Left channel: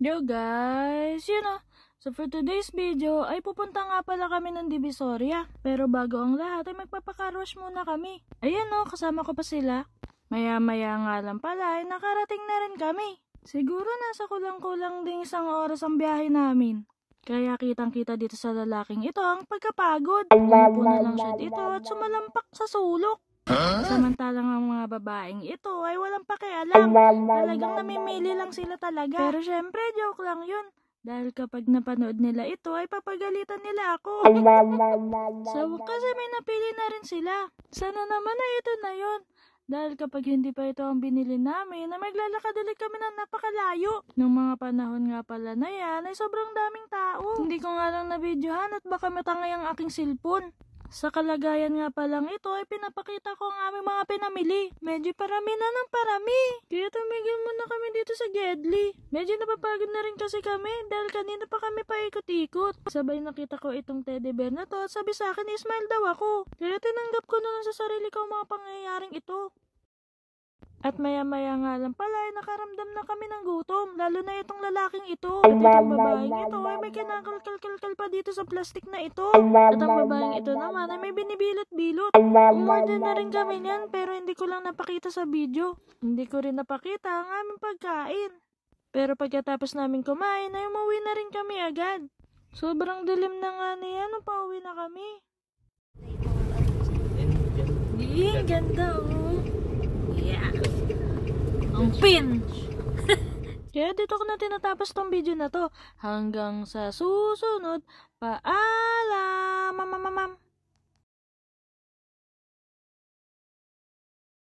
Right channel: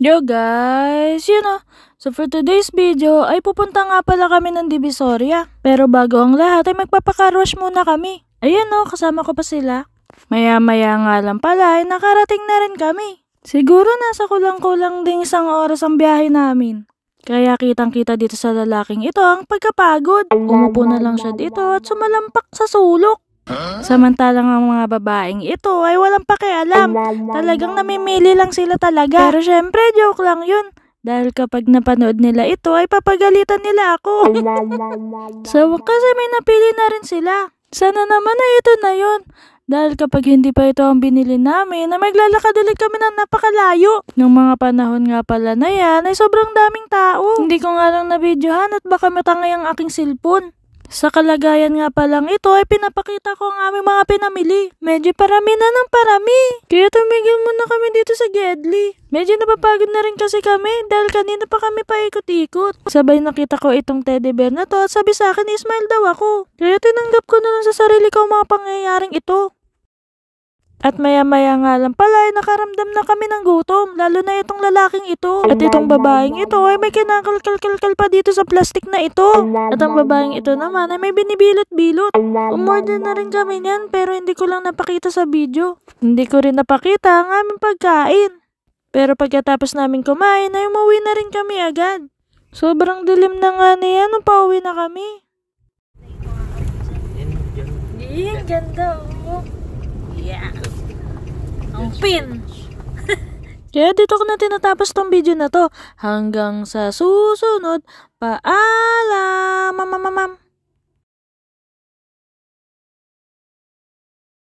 Yo guys, so for today's video ay pupunta nga pala kami ng Divisoria. Pero bago ang lahat ay magpapakarwash muna kami. Ayan kasama ko pa sila. Maya-maya nga lang pala ay nakarating na rin kami. Siguro nasa kulang-kulang ding 1 oras ang biyahe namin. Kaya kitang-kita dito sa lalaking ito ang pagkapagod. Umupo na lang siya dito at sumalampak sa sulok. Samantalang ang mga babaeng ito ay walang pakialam. Talagang namimili lang sila talaga. Pero syempre, joke lang yun. Dahil kapag napanood nila ito ay papagalitan nila ako. Sa wakas ay may napili na rin sila. Sana naman ay ito na yun. Dahil kapag hindi pa ito ang binili namin, ay maglalakad ulit kami ng napakalayo. Nung mga panahon nga pala na yan, ay sobrang daming tao. Hindi ko nga lang na-videohan at baka matangay ang aking cellphone. Sa kalagayan nga palang ito ay pinapakita ko ang aming mga pinamili. Medyo parami na ng parami. Kaya tumigil muna kami dito sa Gedli. Medyo napapagod na rin kasi kami dahil kanina pa kami paikot-ikot. Sabay nakita ko itong teddy bear na to at sabi sa akin smile daw ako. Kaya tinanggap ko na lang sa sarili ko ang mga pangyayaring ito. At maya-maya nga lang pala ay nakaramdam na kami ng gutom, lalo na itong lalaking ito. At itong babaeng ito ay may kinakalkal pa dito sa plastic na ito. At ang babaeng ito naman ay may binibilot-bilot. Umorder na rin kami niyan pero hindi ko lang napakita sa video. Hindi ko rin napakita ang aming pagkain. Pero pagkatapos namin kumain ay umuwi na rin kami agad. Sobrang dilim na nga niya nung pauwi na kami. Ang ganda Yeah. Ang pin. Kaya dito ko na tinatapos tong video na to. Hanggang sa susunod. Paalam.